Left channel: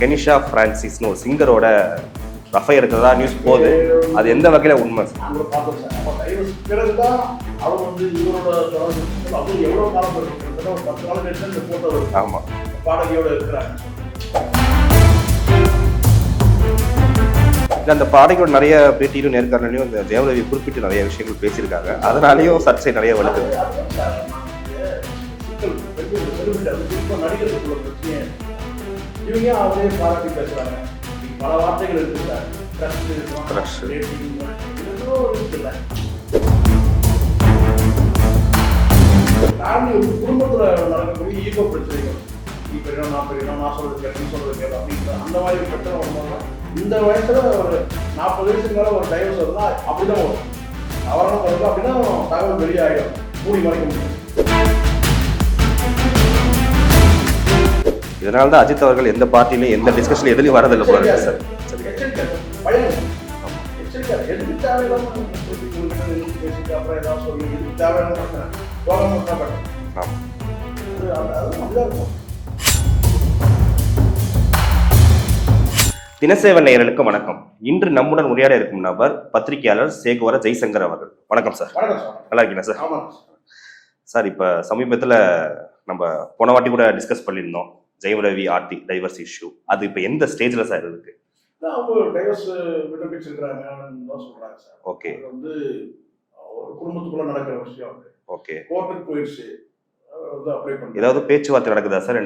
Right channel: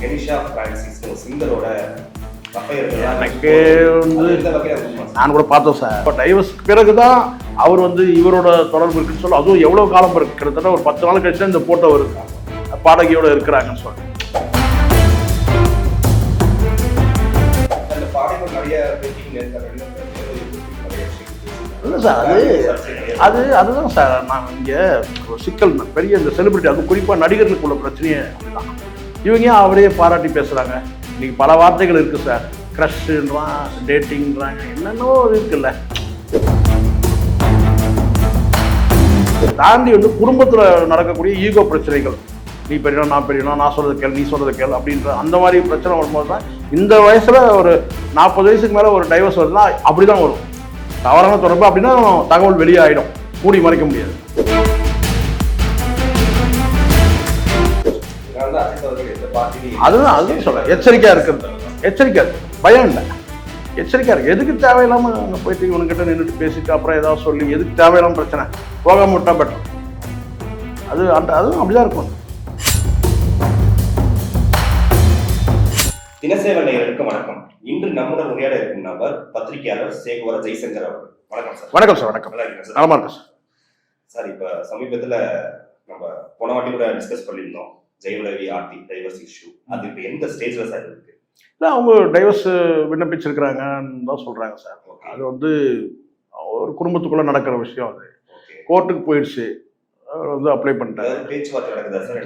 Kenisha பிரான்சிஸ்னு ஒரு சிங்கரோட ரஃபை இருக்கிறதா அது எந்த வகையில உண்மை? நான் கூட பார்த்தோம் சார். இப்போ டைவர்ஸ்க்கு பிறகுதான் அவர் வந்து இவரோட தொடர்பு இருக்குன்னு சொல்லி, அதுவும் எவ்வளவு காலம் இருக்கு, கிட்டத்தட்ட ஒரு 10 நாள் கழிச்சு இந்த போட்டோ வருது. ஆமா, பாடகியோட இருக்கிறாங்கன்னு சொல்லி அந்த பாடகியோட நிறைய பேட்டியிலும் நேர்காணலையும் இந்த தேவரவி குறிப்பிட்டு நிறைய விஷயங்கள் பேசியிருக்காங்க. அதனாலையும் சர்ச்சை நிறைய அதுதான் சார். நான் இங்க ஒரு சிக்கல் பெரிய இந்த செலிபிரிட்டி, அது குறிப்பா நடிகர்களுக்குள்ள பிரச்சனையே தான். இவங்க அவரே பாராட்டி பேசுறாங்க. இன்னைக்கு பல வார்த்தைகள் இருக்கு சார். கிரஷ்ன்றான், டேட்டிங்ன்றாங்க, என்னென்னோ இருக்குல்ல. தாண்டி வந்து குடும்பத்துல நடக்கக்கூடிய ஈகோ பிரச்சனைகள், நீ பெரியணும் நான் பெரியணும், நான் சொல்றது கேள் நீ சொல்றது கேள் அப்படின்ற அந்த மாதிரி பிரச்சனை வரும்போது தான் இந்த வயசுல ஒரு 40 வயசுக்கு மேல ஒரு டைவர்ஸ் வருதுன்னா அப்படிதான் வரும். தவறான தொடர்பு அப்படின்னா தகவல் வெளியே ஆயிடும், மூடி மறைக்க முடியாது. இதனால்தான் அஜித் அவர்கள் எந்த பார்ட்டியுமே எதிலும் வரது எச்சரிக்கையா இருக்கிறது. எச்சரிக்கை, பயம் இல்லை, எச்சரிக்கையா இருக்கு. எதுக்கு தேவையில்லாம போயிட்டு இவனுக்கிட்ட நின்று பேசிட்டு அப்புறம் ஏதாவது சொல்லி எதுக்கு தேவையில்லாம பிரச்சனை போகாம விட்டா பெட்டர். அதுவும் அப்படிதான் இருக்கும். தினசேவன் நேயர்களுக்கு வணக்கம். இன்று நம்முடன் உரையாட இருக்கும் நபர் பத்திரிகையாளர் சேகுவர ஜெய்சங்கர் அவர்கள். வணக்கம் சார். வணக்கம் சார். வணக்கம். நல்லா இருக்கீங்களா சார்? நலமா இருக்கு சார். சார், இப்ப சமீபத்துல நம்ம போன வாட்டி கூட டிஸ்கஸ் பண்ணியிருந்தோம் ஜெயம் ரவி ஆர்த்தி டைவர்ஸ் இஷ்யூ. அது இப்ப எந்த ஸ்டேஜ்ல சார் இருக்கு? அவங்க டைவர்ஸ் விண்ணப்பிச்சிருக்கிறாங்கன்னு தான் சொல்றாங்க சார். ஓகே. அது வந்து ஒரு குடும்பத்துக்குள்ள நடக்கிற விஷயம். அது ஓகே, கோர்ட்டுக்கு போயிடுச்சு, வந்து அப்ளை பண்ணி ஏதாவது பேச்சுவார்த்தை நடக்குதா சார்?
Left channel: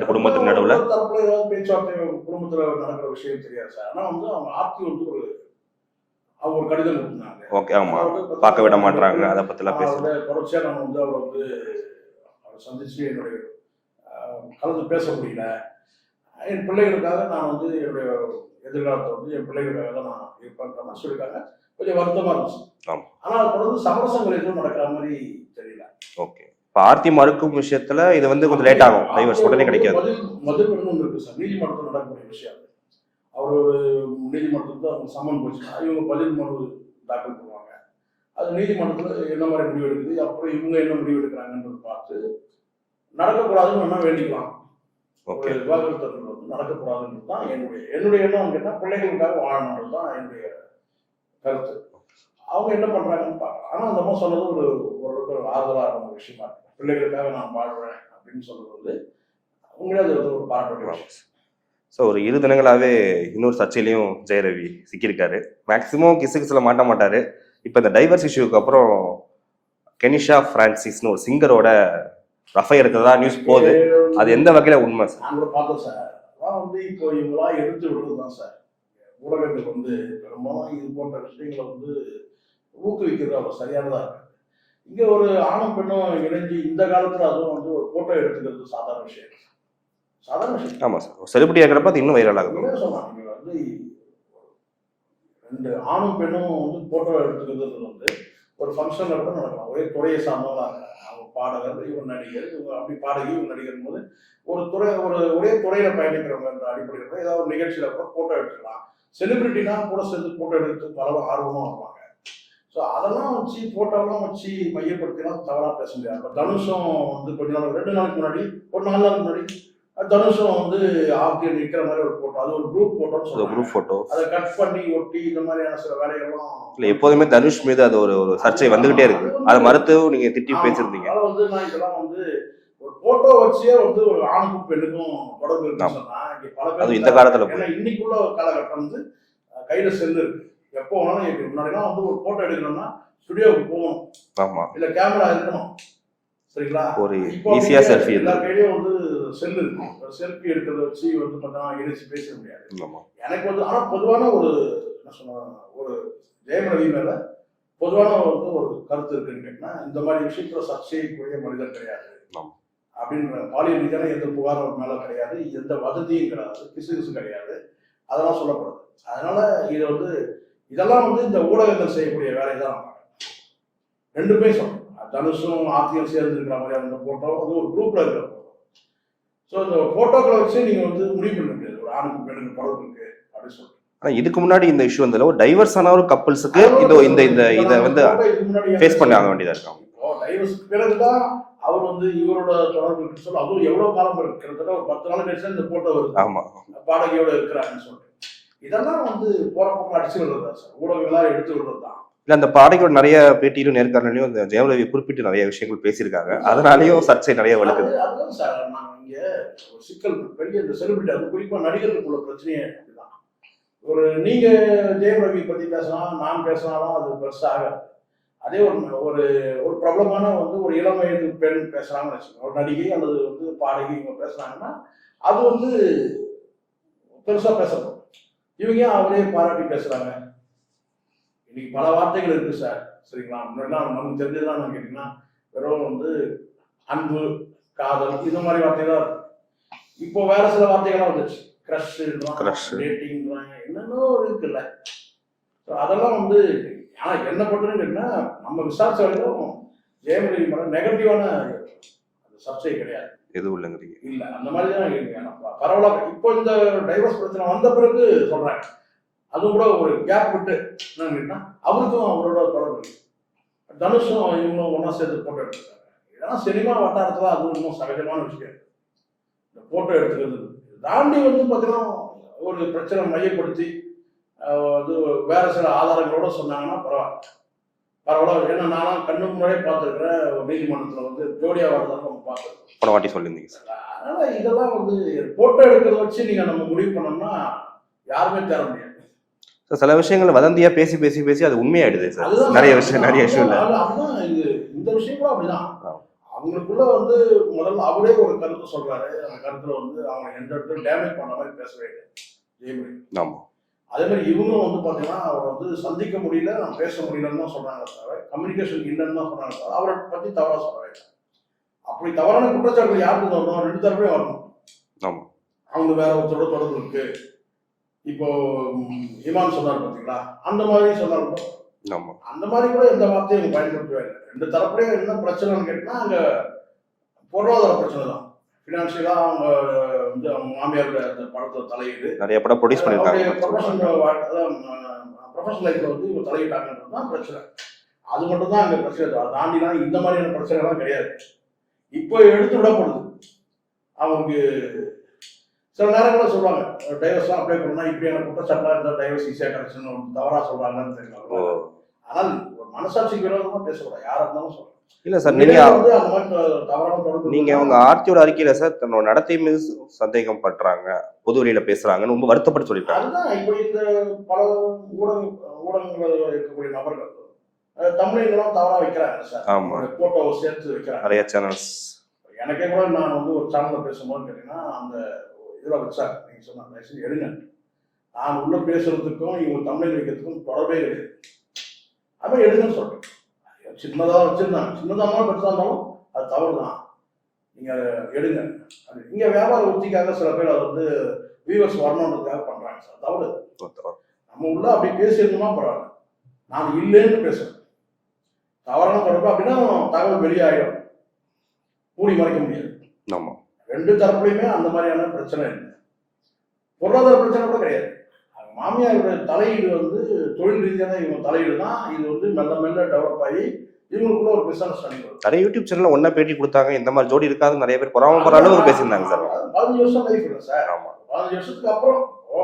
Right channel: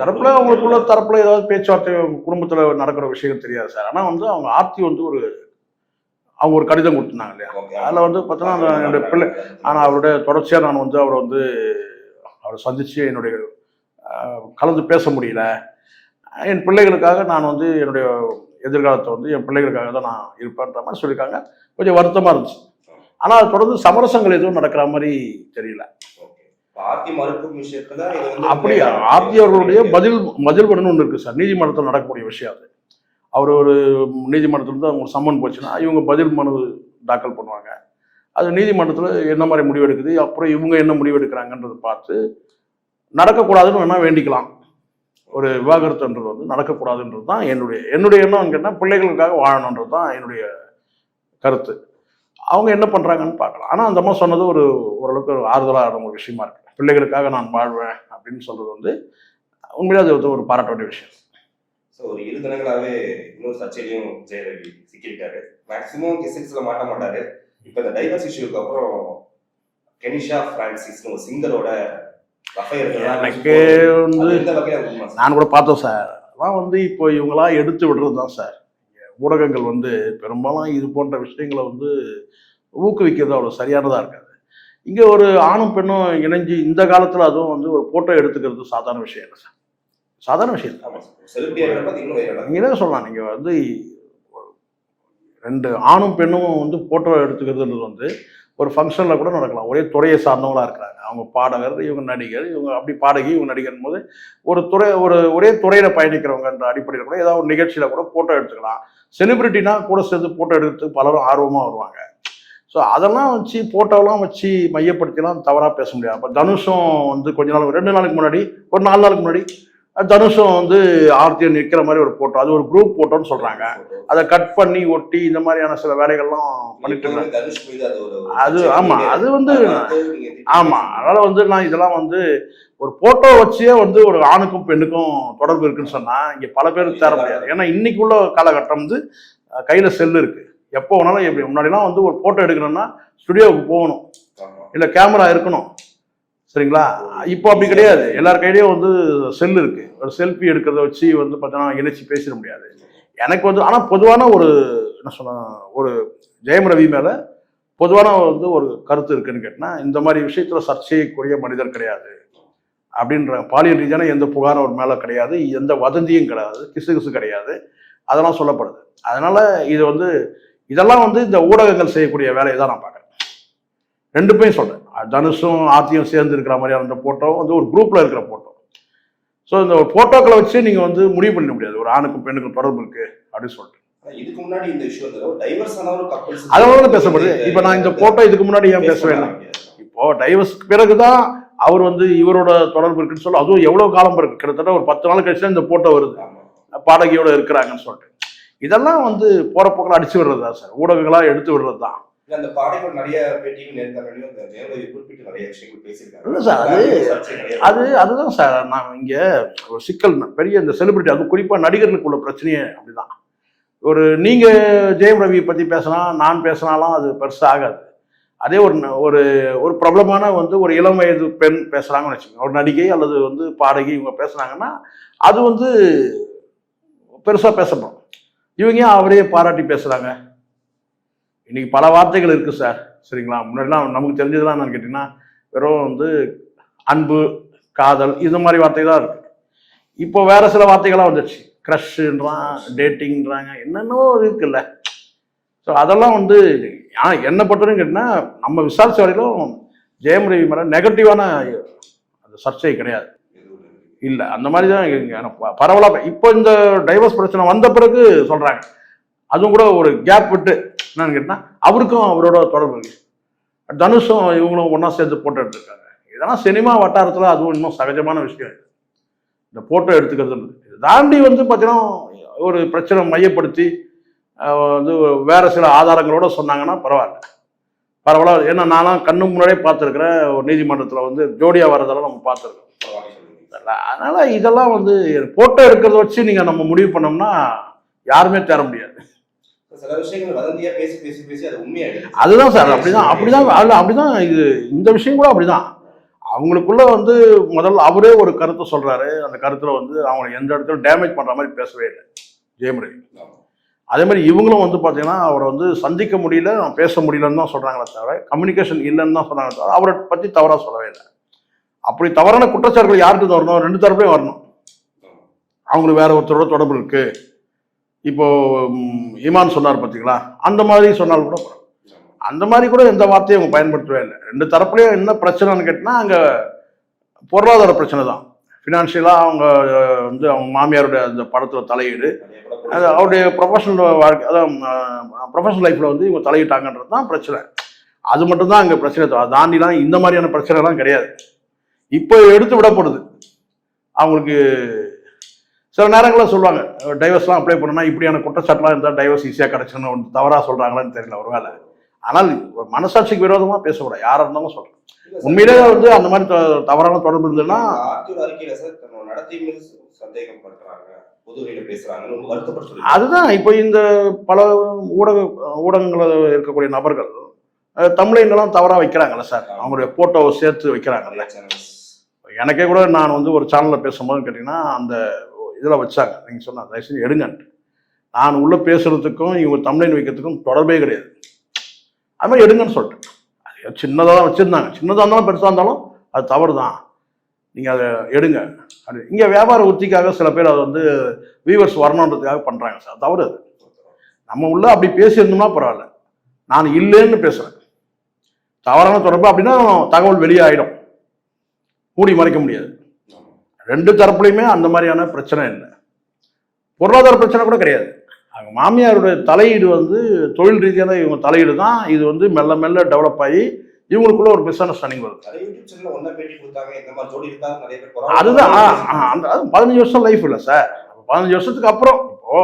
தரப்புல ஏதாவது பேச்சுவார்த்தை குடும்பத்துல நடக்கிற விஷயம் தெரியாது சார். ஆனா வந்து அவங்க ஆர்த்தி வந்து அவங்க ஒரு கடிதம் கொடுத்துருந்தாங்க இல்லையா? ஓகே. அதுல வந்து பார்த்தா ஆனா அவருடைய தொடர்ச்சியா நான் வந்து அவரை சந்திச்சு என்னுடைய கலந்து பேச முடியல. என் பிள்ளைகளுக்காக நான் வந்து என்னுடைய எதிர்காலத்தை வந்து என் பிள்ளைகளுக்காக தான் நான் இருப்பேன்ற மாதிரி சொல்லியிருக்காங்க. கொஞ்சம் வருத்தமா இருந்துச்சு. ஆனா அது தொடர்ந்து சமரசங்கள் எதுவும் நடக்கிற மாதிரி தெரியல. ஓகே. ஆர்த்தி மறுக்கும் விஷயத்துல இது வந்து ஆர்த்தி அவர்களுடைய பதில் பண்ணணும் ஒன்று இருக்கு சார். நீதிமன்றத்தில் நடக்கக்கூடிய விஷயம் அது. அவர் ஒரு நீதிமன்றத்தில் இருந்து அவங்க சம்மன் போச்சுன்னா இவங்க பதில் மனு தாக்கல் பண்ணுவாங்க. அது நீதிமன்றத்தில் என்ன மாதிரி முடிவு எடுக்குது, அப்புறம் இவங்க என்ன முடிவு எடுக்கிறாங்கன்றதை பார்த்து நடக்கக்கூடாதுன்னு வேணா வேண்டிக்கலாம். ஒரு விவாகரத்துன்றது வந்து நடக்கக்கூடாதுன்றது தான் என்னுடைய எண்ணம். கேட்டால் பிள்ளைகளுக்காக வாழணுன்றது தான் என்னுடைய கருத்து. அவங்க என்ன பண்றாங்கன்னு பார்க்கலாம். ஆனால் அந்த அம்மா சொன்னது ஓரளவுக்கு ஆறுதலான ஒரு விஷயமா இருக்கு. பிள்ளைகளுக்காக நான் வாழ்வேன் அப்படின்னு சொல்றது வந்து உண்மையிலே அது ஒரு பாராட்ட வேண்டிய விஷயம். ஸோ ஒரு 2 தினங்களாவே இன்னொரு சர்ச்சையிலையும் ஜெயரவி சிக்கியிருக்காரு. மேக்சிமம் கிசுகிசுல மாட்ட மாட்டாரு. இப்போ இந்த டைவர்ஸ் இஷ்யூக்கு அப்புறம் கெனிஷா பிரான்சிஸ்னு ஒரு சிங்கரோட ரஃபை இருக்கிறதா அது எந்த வகையில உண்மை? நான் கூட பார்த்தோம் சார். அதான் வந்து இப்போ இவங்களாம் எடுத்து விடுறது தான் சார். ஊடகங்கள் வந்து பெரும்பாலும் இது போன்ற விஷயங்களை வந்து ஊக்குவிக்கிறது அவ்வளோ சரியானதாக இருக்காது. இங்கே ஒரு ஆணும் பெண்ணும் இணைஞ்சு இந்த காலத்தில் அதுவும் வந்து ஒரு ஃபோட்டோ எடுத்துக்கிறது சாதாரண விஷயம் இல்லை சார். சாதாரண விஷயம். ஆமாம் சார். செலிபிரிட்டி இருக்கிறப்ப அது இன்னும் வைரலாக நீங்கள் தான் சொல்லலாம். நீங்கள் வந்து 2 ஆணும் பெண்ணும் வந்து ஃபோட்டோ எடுத்துக்கிறதுன்றது வந்து ஒரு ஃபங்க்ஷனில் கூட நடக்கலாம். ஒரே துறையை சார்ந்தவங்களாக இருக்கிறாங்க. அவங்க பாடகர், இவங்க நடிகர், இவங்க அப்படி பாடகி, இவங்க நடிகர் போது ஒரே துறையில் பயணிக்கிறவங்கன்ற அடிப்படையில் கூட ஏதாவது ஒரு நிகழ்ச்சியில் கூட ஃபோட்டோ எடுத்துக்கலாம். செலிபிரிட்டினா கூட சேர்ந்து ஃபோட்டோ எடுக்கிறதுக்கு பலரும் ஆர்வமாக வருவாங்க. ஸோ அதெல்லாம் வச்சு ஃபோட்டோலாம் வச்சு மையப்படுத்திலாம் தவறாக பேச முடியாது. இப்போ தனுஷும் வந்து கொஞ்ச நாள் 2 நாளுக்கு முன்னாடி ஒரு 4 நாளுக்கு முன்னாடி தனுஷும் வந்து ஆர்த்தியை நிற்கிற மாதிரி ஒரு ஃபோட்டோ, அது ஒரு குரூப் ஃபோட்டோன்னு சொல்கிறாங்க. ஃபோட்டோ அதை கட் பண்ணி ஒட்டி இந்த மாதிரியான சில வேலைகள்லாம் எப்போதுமே தனுஷ் மீது அது அது வந்து மறுத்து நீங்க அதனால வந்து நான் இதெல்லாம் வந்து ஒரு போட்டோ வச்சே வந்து ஒரு ஆணுக்கும் பெண்ணுக்கும் தொடர்பு இருக்குன்னு சொன்னா இங்க பல பேர் இந்த காலத்துல, ஏன்னா இன்னைக்கு உள்ள காலகட்டம் வந்து கையில செல்லு இருக்கு. எப்போ வேணாலும் எப்படி முன்னாடிலாம் வந்து ஒரு போட்டோ எடுக்கணும்னா ஸ்டுடியோவுக்கு போகணும், இல்ல கேமரா இருக்கணும், சரிங்களா? இப்போ அப்படி கிடையாது. எல்லார் கையிலயும் வந்து செல் இருக்கு. ஒரு செல்ஃபி எடுக்கிறத வச்சு வந்து பார்த்தீங்கன்னா இணைச்சி பேசிட முடியாது. எனக்கு வந்து ஆனா பொதுவான என்ன சொன்ன ஒரு ஜெயம் ரவி மேல பொதுவான வந்து ஒரு கருத்து இருக்குன்னு கேட்டா, இந்த மாதிரி விஷயத்துல சர்ச்சைக்குரிய மனிதர் கிடையாது அப்படின்ற. பாலியல் ரீதியான எந்த புகாரும் அவர் மேல கிடையாது, எந்த வதந்தியும் கிடையாது, கிசு கிடையாது, அதெல்லாம் சொல்லப்படுது. அதனால இதெல்லாம் வந்து இந்த ஊடகங்கள் செய்யக்கூடிய வேலையை தான் நான் பார்க்குறேன். 2 பேரும் சொல்றேன். தனுஷும் ஆர்த்தியும் சேர்ந்து இருக்கிற மாதிரியான அந்த போட்டோ வந்து ஒரு குரூப்ல இருக்கிற போட்டோ. ஸோ இந்த போட்டோக்களை வச்சு நீங்க வந்து முடிவு பண்ண முடியாது ஒரு ஆணுக்கும் பெண்ணுக்கும் தொடர்பு இருக்கு அப்படின்னு சொல்லிட்டு. ஆனால் இதுக்கு முன்னாடி இந்த இஷ்யூ வந்து ஒரு டைவர்ஸ் ஆன ஒரு கப்பல்ஸ் இப்போ நான் இந்த போட்டோ இதுக்கு முன்னாடி பேச வேண்டியதா இருக்கும். இப்போ டைவர்ஸ்க்கு பிறகுதான் அவர் வந்து இவரோட தொடர்பு இருக்குன்னு சொல்லி அதுவும் எவ்வளவு காலம் இருக்கு, கிட்டத்தட்ட ஒரு 10 நாள் கழிச்சு இந்த போட்டோ வருது ஆமா பாடகியோட இருக்கிறாங்கன்னு சொல்லிட்டு. இதெல்லாம் வந்து போற போக்கில் அடிச்சு விடுறது தான் சார், ஊடகங்களா எடுத்து விடுறது தான். இல்ல அந்த பாடகியோட நிறைய பேட்டியிலும் நேர்காணலையும் இந்த ஜெயம் ரவி குறிப்பிட்டு நிறைய விஷயங்கள் பேசியிருக்காங்க. இல்ல சார், அதனாலயும் சர்ச்சை நிறைய வருது. அதுதான் சார் நான் இங்க ஒரு சிக்கல் பெரிய இந்த செலிபிரிட்டி, அது குறிப்பா நடிகர்களுக்குள்ள பிரச்சனையே அப்படிதான். ஒரு நீங்க ஜெயம் ரவியை பத்தி பேசினா நான் பேசினாலும் அது பெருசா ஆகாது. அதே ஒரு ஒரு ஒரு பிரபலமான வந்து ஒரு இளம் வயது பெண் பேசுறாங்கன்னு வச்சுக்கோங்க, ஒரு நடிகை அல்லது வந்து பாடகி இவங்க பேசுனாங்கன்னா அது வந்து பெருசா பேசப்படும். இவங்க ஏன் அவரே பாராட்டி பேசுறாங்க? இன்னைக்கு பல வார்த்தைகள் இருக்கு சார், சரிங்களா? முன்னாடிலாம் நமக்கு தெரிஞ்சதுலாம் என்னன்னு கேட்டீங்கன்னா வெறும் வந்து அன்பு, காதல் இது மாதிரி வார்த்தை தான் இருக்கு. இப்போ வேற சில வார்த்தைகள்லாம் வந்துடுச்சு, க்ரஷ்ன்றான், டேட்டிங்ன்றாங்க, என்னென்னோ இருக்குல்ல. ஸோ அதெல்லாம் வந்து என்ன பண்றதுன்னு கேட்டீங்கன்னா நம்ம விசாரிச்ச வரையிலும் ஜெயம் ரவி மேலே நெகட்டிவான அந்த சர்ச்சை கிடையாது, எதுவும் இல்லைங்கிறீங்க? இல்லை அந்த மாதிரி தான் பரவலாக. இப்போ இந்த டைவர்ஸ் பிரச்சனை வந்த பிறகு சொல்றாங்க, அதுவும் கூட ஒரு கேப் விட்டு என்னன்னு கேட்டா அவருக்கும் அவரோட தொடர்பு இல்லை, தனுஷும் இவங்களும் ஒன்றா சேர்ந்து போட்டோ எடுத்துருக்காங்க. இதெல்லாம் சினிமா வட்டாரத்தில் அதுவும் இன்னும் சகஜமான விஷயம். இந்த போட்டோ எடுத்துக்கிறது தாண்டி வந்து பார்த்தீங்கன்னா ஒரு பிரச்சனை மையப்படுத்தி வந்து வேற சில ஆதாரங்களோட சொன்னாங்கன்னா பரவாயில்ல. ஏன்னா நானும் கண்ணு முன்னாடியே பார்த்துருக்கிறேன், ஒரு நீதிமன்றத்தில் வந்து ஜோடியா வரதெல்லாம் நம்ம பார்த்துருக்கோம். போன வாட்டி சொல்லியிருந்தீங்க சார். அதனால இதெல்லாம் வந்து போட்டோ எடுக்கிறத வச்சு நீங்கள் நம்ம முடிவு பண்ணோம்னா யாருமே தேர முடியாது. சில விஷயங்கள் வதந்தியா பேசி பேசி பேசி அது உண்மையாயிடுது. அதுதான் சார், அப்படிதான் இது. இந்த விஷயம் கூட அப்படிதான். அவங்களுக்குள்ள வந்து முதல்ல அவரே ஒரு கருத்தை சொல்றாரு, அந்த கருத்துல வந்து அவங்க எந்த இடத்துல டேமேஜ் பண்ற மாதிரி பேசவே இல்லை ஜெயம் ரவி. ஆமா. அதே மாதிரி இவங்களும் வந்து பாத்தீங்கன்னா அவரை வந்து சந்திக்க முடியல, பேச முடியலன்னு தான் சொல்றாங்களே தவிர கம்யூனிகேஷன் இல்லைன்னு தான் சொல்றாங்க தவிர அவரை பத்தி தவறா சொல்லவே இல்லை. அப்படி தவறான குற்றச்சாட்டுகள் யாருக்கு வரணும்? 2 தரப்புலையும் வரணும். ஆமா. அவங்களுக்கு வேற ஒருத்தரோட தொடர்பு இருக்கு. இப்போ ஈமான் சொன்னார் பார்த்தீங்களா, அந்த மாதிரி சொன்னாலும் கூட அந்த மாதிரி கூட எந்த வார்த்தையும் அவங்க பயன்படுத்தவே இல்லை. 2 தரப்புலையும் என்ன பிரச்சனைன்னு கேட்டினா அங்கே பொருளாதார பிரச்சனை தான். ஃபினான்ஷியலாக அவங்க வந்து அவங்க மாமியாருடைய அந்த படத்தில் தலையீடு, நிறைய படம் அவருடைய ப்ரொஃபஷனல் வாழ்க்கை, அதான் ப்ரொஃபஷனல் லைஃப்பில் வந்து இவங்க தலையிட்டாங்கன்றது தான் பிரச்சனை. அது மட்டும் தான் அங்கே பிரச்சனை. தாண்டிலாம் இந்த மாதிரியான பிரச்சனைலாம் கிடையாது. இப்போ எடுத்து விடப்படுது. அவங்களுக்கு சில நேரங்களில் சொல்லுவாங்க டைவர்ஸ்லாம் அப்ளை பண்ணணும்னா இப்படியான குற்றச்சாட்டுலாம் இருந்தால் டைவர்ஸ் ஈஸியாக கிடச்சுன்னு ஒன்று தவறாக சொல்கிறாங்களான்னு தெரியல ஒரு வேலை. ஆனால் ஒரு மனசாட்சிக்கு விரோதமாக பேசக்கூடாது, யாராக இருந்தாலும் சொல்கிறேன். இல்லை சார், உண்மையிலே வந்து அந்த மாதிரி தவறான தொடர்பு இல்லைன்னா அவங்க ஆர்த்தியோட அறிக்கையில் சார் தன்னோட நடத்தை மீது சந்தேகம் பண்றாங்க, பொது வெளியில பேசுறாங்கன்னு ரொம்ப வருத்தப்பட்டு சொல்லி. அதுதான் இப்போ இந்த பல ஊடகங்களில் இருக்கக்கூடிய நபர்கள் தமிழைங்கெல்லாம் தவறாக வைக்கிறாங்கல்ல சார், அவங்களுடைய போட்டோவை சேர்த்து வைக்கிறாங்க நிறைய சேனல்ஸ். எனக்கே கூட நான் வந்து ஒரு சேனலில் பேசும்போது கேட்டிங்கன்னா அந்த இதில் வச்சாங்க, நீங்கள் சொன்ன தயவுசெய்து எடுங்கன்ட்டு. நான் உள்ள பேசுறதுக்கும் இவங்க தமிழில் வைக்கிறதுக்கும் தொடர்பே கிடையாது. அது மாதிரி எடுங்கன்னு சொல்லிட்டு அது சின்னதாக தான் வச்சுருந்தாங்க. சின்னதாக இருந்தாலும் பெருசாக இருந்தாலும் அது தவறு தான், நீங்கள் அதை எடுங்க. அது இங்கே வியாபார உத்திக்காக சில பேர் அதை வந்து வியூவர்ஸ் வரணுன்றதுக்காக பண்ணுறாங்க சார், தவறு அது. நம்ம உள்ள அப்படி பேசியிருந்தோம்னா பரவாயில்ல, நான் இல்லைன்னு பேசுகிறேன். தவறான தொடர்பு அப்படின்னா தகவல் வெளியே ஆகிடும், மூடி மறைக்க முடியாது. ஆமாம். 2 தரப்புலையுமே அந்த மாதிரியான பிரச்சனை இல்லை. பொருளாதார பிரச்சனை கூட கிடையாது. அவங்க மாமியாருடைய தலையீடு வந்து தொழில் ரீதியான இவங்க தலையீடு தான். இது வந்து மெல்ல மெல்ல டெவலப் ஆகி இவங்களுக்குள்ள ஒரு மிஸ் அண்டர்ஸ்டாண்டிங் வருது. நிறைய யூடியூப் சேனல்ல ஒன்னா பேட்டி கொடுத்தாங்க, இந்த மாதிரி ஜோடி இருக்காது நிறைய பேர். 15 வருஷம் லைஃப் இல்லை சார். 15 வருஷத்துக்கு அப்புறம் இப்போ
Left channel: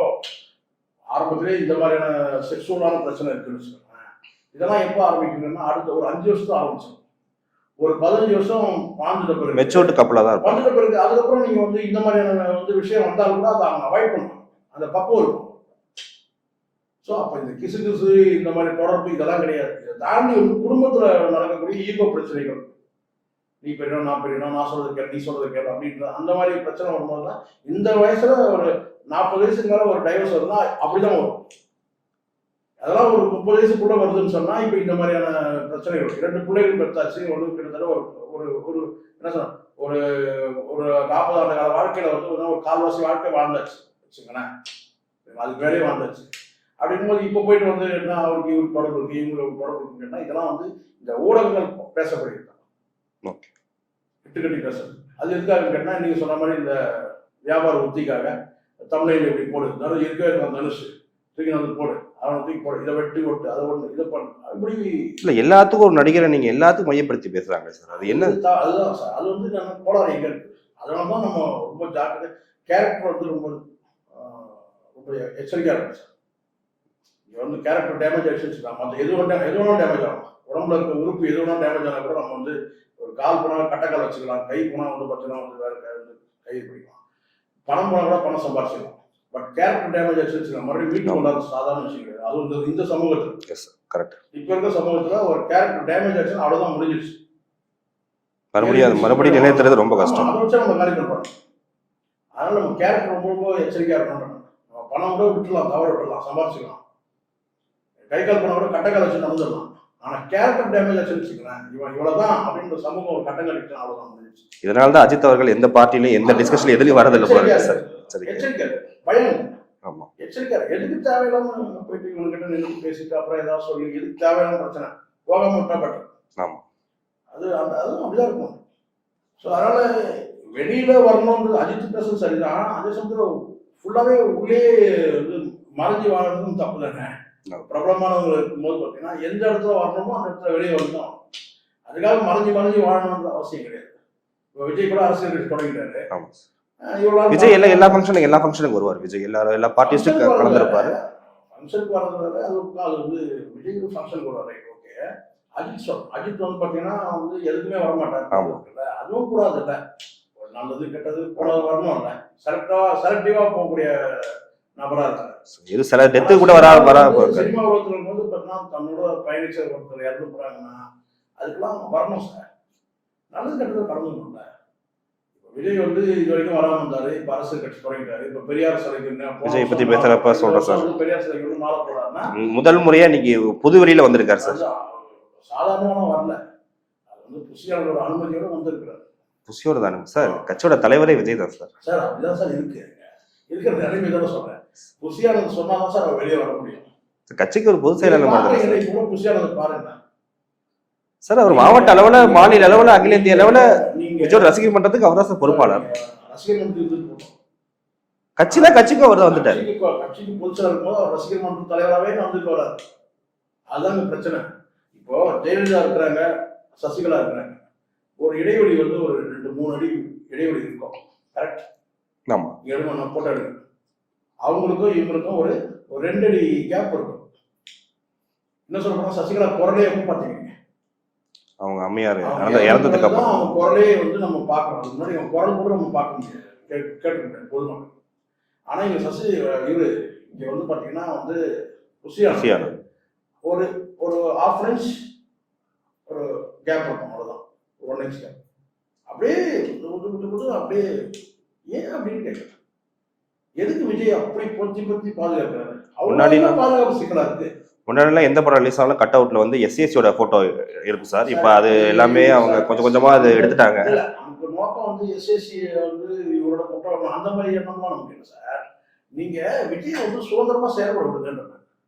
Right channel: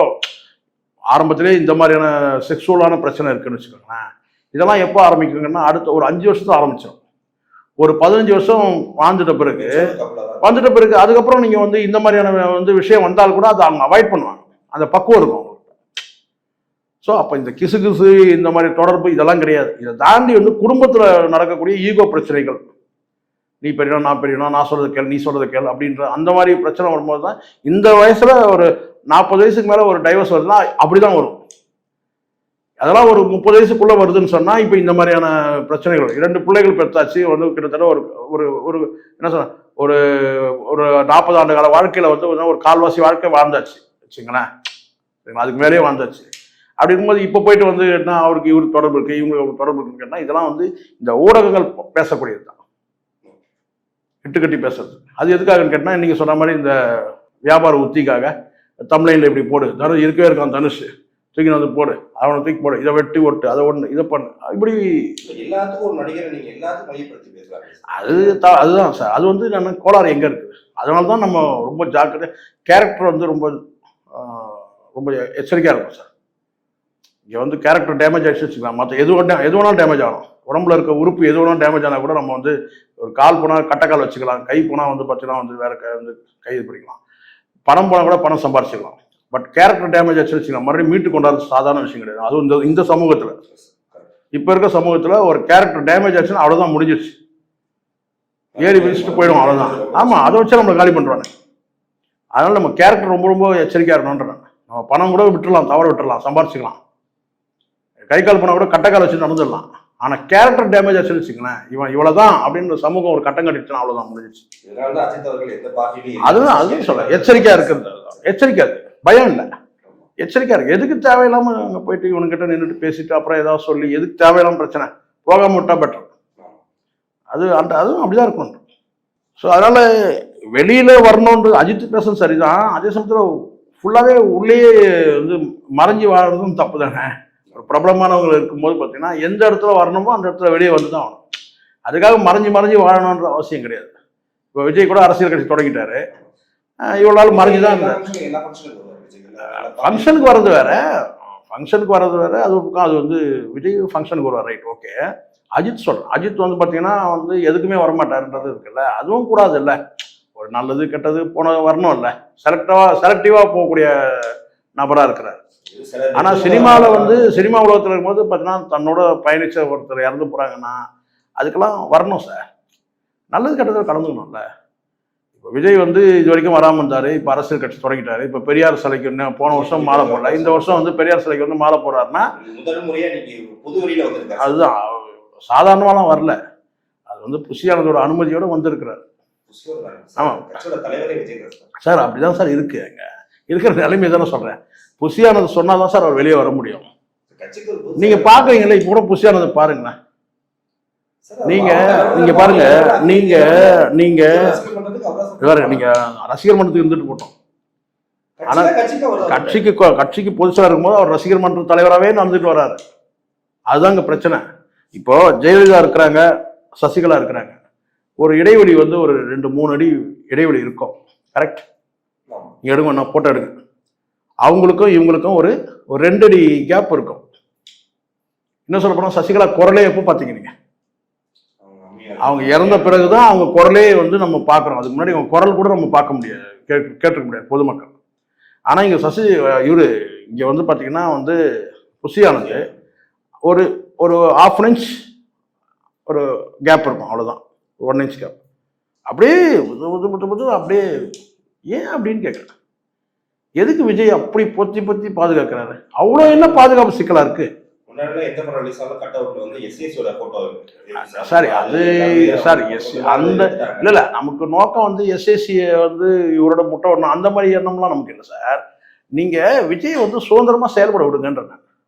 ஆரம்பத்திலே இந்த மாதிரியான செக்ஷுவலான பிரச்சனை இருக்குன்னு வச்சுக்கோங்களேன். இதெல்லாம் எப்போ ஆரம்பிக்குங்கன்னா அடுத்த ஒரு 5 வருஷத்துல ஆரம்பிச்சிடும். ஒரு 15 வருஷம் வாழ்ந்துட்ட பிறகு மெச்சூர்டு கப்பலா தான் வந்துட்ட பிறகு அதுக்கப்புறம் நீங்க வந்து இந்த மாதிரியான வந்து விஷயம் வந்தாலும் கூட அதை அவங்க அவாய்ட் பண்ணுவாங்க, அந்த பக்குவம் இருக்கும். ஸோ அப்போ இந்த கிசு இந்த மாதிரி தொடர்பு இதெல்லாம் கிடையாது. இதை தாண்டி வந்து குடும்பத்தில் நடக்கக்கூடிய ஈகோ பிரச்சனைகள், நீ பெரியனா நான் பெரியனா, நான் சொல்றது கேள் நீ சொல்றது கேள் அப்படின்ற அந்த மாதிரி பிரச்சனை வரும்போது தான் இந்த வயசுல ஒரு 40 வயசுக்கு மேலே ஒரு டைவர்ஸ் வருதுன்னா அப்படிதான் வரும். அதெல்லாம் ஒரு 30 வயசுக்குள்ள வருதுன்னு சொன்னா இப்போ இந்த மாதிரியான பிரச்சனைகள். 2 பிள்ளைகள் பெற்றாச்சு, வந்து கிட்டத்தட்ட ஒரு ஒரு ஒரு என்ன சொல்ற ஒரு ஒரு 40 ஆண்டு கால வாழ்க்கையில வந்து ஒரு கால்வாசி வாழ்க்கை வாழ்ந்தாச்சு வச்சுங்களேன், அதுக்கு மேலேயே வாழ்ந்தாச்சு. அப்படி இருக்கும்போது இப்போ போயிட்டு வந்து என்ன அவருக்கு இவருக்கு தொடர்பு இருக்கு, இவங்களுக்கு தொடர்பு இருக்குன்னு கேட்டால் இதெல்லாம் வந்து இந்த ஊடகங்கள் பேசக்கூடியது தான், இட்டுக்கட்டி பேசுறது. அது எதுக்காகன்னு கேட்டால் நீங்கள் சொன்ன மாதிரி இந்த வியாபார உத்திக்காக தமிழ்ல இப்படி போடு, இருக்கவே இருக்கான் தனுஷ் தூக்கி வந்து போடு, அவனை தூக்கி போடு, இதை வெட்டி ஒட்டு, அதை ஒண்ணு, இதை பண்ணு, இப்படி இல்ல எல்லாத்துக்கும் ஒரு நடிகரை நீங்க எல்லாத்துக்கும் மையப்படுத்தி பேசுறாங்க சார். அதுதான் சார். அது வந்து நான் கோளாறு எங்க இருக்கு. அதனாலதான் நம்ம ரொம்ப ஜாக்கிரதை, கேரக்டர் வந்து ரொம்ப ரொம்ப எச்சரிக்கையா இருக்கும் சார். இங்க வந்து கேரக்டர் டேமேஜ் ஆயிடுச்சு வச்சுக்கலாம், மற்ற எது வேணாலும் டேமேஜ் ஆகும். உடம்புல இருக்க உறுப்பு எது வேணாலும் டேமேஜ் ஆனால் கூட நம்ம வந்து ஒரு கால் போனால் கட்டைக்கால் வச்சுக்கலாம், கை போனால் வந்து பார்த்தீங்கன்னா வந்து வேற வந்து கை இது பண்ணிக்கலாம், பணம் போனால் கூட பணம் சம்பாரிச்சிக்கலாம். பட் கேரக்டர் டேமேஜ் ஆச்சு வச்சுக்கலாம், மறுபடியும் மீட்டு கொண்டாது சாதாரண விஷயம் கிடையாது. அதுவும் இந்த சமூகத்தில் கரெக்ட். இப்போ இருக்க சமூகத்தில் ஒரு கேரக்டர் டேமேஜ் ஆச்சுன்னா அவ்வளோதான், முடிஞ்சிருச்சு. ஆமா, அதை வச்சு நம்மளை காலி பண்றாங்க. அதனால நம்ம கேரக்டர் ரொம்ப ரொம்ப எச்சரிக்கையா இருக்கணும்ன்றாங்க. நம்ம பணம் கூட விட்டுடலாம், தவற விட்டுடலாம், சம்பாரிச்சுக்கலாம், கை கால் பணம் கூட கட்டைக்கால் வச்சு நடந்துடலாம். ஆனா கேரக்டர் டேமேஜ் ஆச்சு வச்சுக்கலாம், இவன் இவ்வளவுதான் அப்படின்னு சமூகம் ஒரு கட்டம் கட்டிச்சுன்னா அவ்வளவுதான், முடிஞ்சிச்சு. இதனாலதான் அஜித் அவர்கள் எந்த பார்ட்டிலையும் எச்சரிக்கையா இருக்கிறது, எச்சரிக்கை, பயம் இல்லை, எச்சரிக்கையா இருக்கு. எதுக்கு தேவையில்லாம அங்க போயிட்டு இவனுக்கிட்ட நின்றுட்டு பேசிட்டு அப்புறம் ஏதாவது சொல்லி எதுக்கு தேவையில்லாம பிரச்சனை, போகாம விட்டா பெட்டர். அதுவும் அப்படிதான் இருக்கும். ஸோ அதனால வெளியில வரணுன்றது அஜித் பேசுறது சரிதான், அதே சமயத்தில் ஃபுல்லாவே உள்ளே வந்து மறைஞ்சு வாழறதும் தப்பு தானே. பிரபலமானவங்க இருக்கும்போது பார்த்தீங்கன்னா எந்த இடத்துல வரணுமோ அந்த இடத்துல வெளியே வந்து தான் ஆகணும். அதுக்காக மறைஞ்சு வாழணுன்ற அவசியம் கிடையாது. இப்போ விஜய் கூட அரசியல் கட்சி தொடங்கிட்டாரு, இவ்வளவு நாள் எல்லா ஃபங்க்ஷனுக்கு வருவார் விஜய். எல்லா ஃபங்க்ஷனுக்கு வர்றது வேற, அது ஒரு பக்கம். அது வந்து விஜய் ஃபங்க்ஷனுக்கு வருவார், ரைட், ஓகே. அஜித் சொல்றேன், அஜித் வந்து பார்த்தீங்கன்னா வந்து எதுக்குமே வரமாட்டாருன்றது இருக்குல்ல, அதுவும் கூடாது இல்லை. ஒரு நல்லது கெட்டது போனது வரணும் இல்லை, செலக்டிவா போகக்கூடிய நபரா இருக்கிறார். சினிமா உலகத்தில் இருக்கும்போது பார்த்தீங்கன்னா தன்னோட பயணிச்ச ஒருத்தர் இறந்து போறாங்கன்னா அதுக்கெல்லாம் வரணும் சார், நல்லது கெட்டதில் கலந்துக்கணும்ல. இப்போ விஜய் வந்து இது வரைக்கும் வராமல் இருந்தாரு, இப்போ அரசியல் கட்சி தொடங்கிட்டாரு. இப்போ பெரியார் சிலைக்கு போன வருஷம் மாலை போடுறாரு, இந்த வருஷம் வந்து பெரியார் சிலைக்கு வந்து மாலை போடுறாருன்னா முதல் முறையா இன்னைக்கு புதுவெளியில வந்திருக்காரு. அதுதான், சாதாரணமாலாம் வரல, அது வந்து புஷியானதோட அனுமதியோட வந்திருக்கிறாரு. புஷியோட தானே சார், கட்சியோட தலைவரே விஜய் தான் சார். சார் அப்படிதான் சார் இருக்கு, அங்க இருக்கிற நிலைமை தானே சொல்றேன். புஷியானது சொன்னாதான் சார் அவர் வெளியே வர முடியும். கட்சிக்கு ஒரு பொது நீங்க பாக்குறீங்களா, இப்ப கூட புஷியானது பாருங்க சார், அவர் மாவட்ட அளவுல நீங்க ரசிகர் மன்றத்துக்கு அவராசம், நீங்க ரசிகர் மன்றத்துக்கு இருந்துட்டு போட்டோம், கட்சிக்கு பொதுச்சா இருக்கும்போது அவர் ரசிகர் மன்ற தலைவராகவே நடந்துட்டு வர்றாரு. அதுதாங்க பிரச்சனை. இப்போ ஜெயலலிதா இருக்கிறாங்க, சசிகலா இருக்கிறாங்க, ஒரு இடைவெளி வந்து ஒரு 2-3 அடி இடைவெளி இருக்கும், கரெக்ட்? ஆமா, எடுங்க, நான் போட்டோ எடுங்க. அவங்களுக்கும் இவங்களுக்கும் ஒரு 2 அடி கேப் இருக்கும். என்ன சொல்ல போனா சசிகலா குரலே எப்போ பாத்தீங்க நீங்க? அவங்க அம்மையார் அவங்க இறந்த பிறகுதான் அவங்க குரலே வந்து நம்ம பாக்குறோம். அதுக்கு முன்னாடி அவங்க குரல் கூட நம்ம பார்க்க முடியாது, கேட்டுக்க முடியாது பொதுமக்கள். ஆனா இங்க இவரு இங்க வந்து பாத்தீங்கன்னா வந்து புஷியானது ஒரு 1/2 இன்ச் ஒரு கேப் இருக்கும், அவ்வளவுதான், 1 இன்ச் கேப். அப்படியே அப்படியே ஏன் அப்படின்னு கேட்குறேன். எதுக்கு விஜய் அப்படி பொத்தி பாதுகாக்கிறாரு? அவ்வளவு என்ன பாதுகாப்பு சிக்கலா இருக்கு? முன்னாடி எந்த படம் ரிலீஸ் ஆனாலும் கட் அவுட்ல வந்து எஸ்சிஎஸ்சியோட போட்டோ இருக்கு சார். இப்போ அது எல்லாமே கொஞ்சமா அது எடுத்துட்டாங்க. இல்ல நமக்கு நோக்கம் வந்து எஸ்எஸ்சி வந்து இவரோட முட்டை விடணும் அந்த மாதிரி எண்ணம்லாம் நமக்கு இல்லை சார். நீங்க விஜய் வந்து சுதந்திரமா செயல்பட விடுங்கன்ற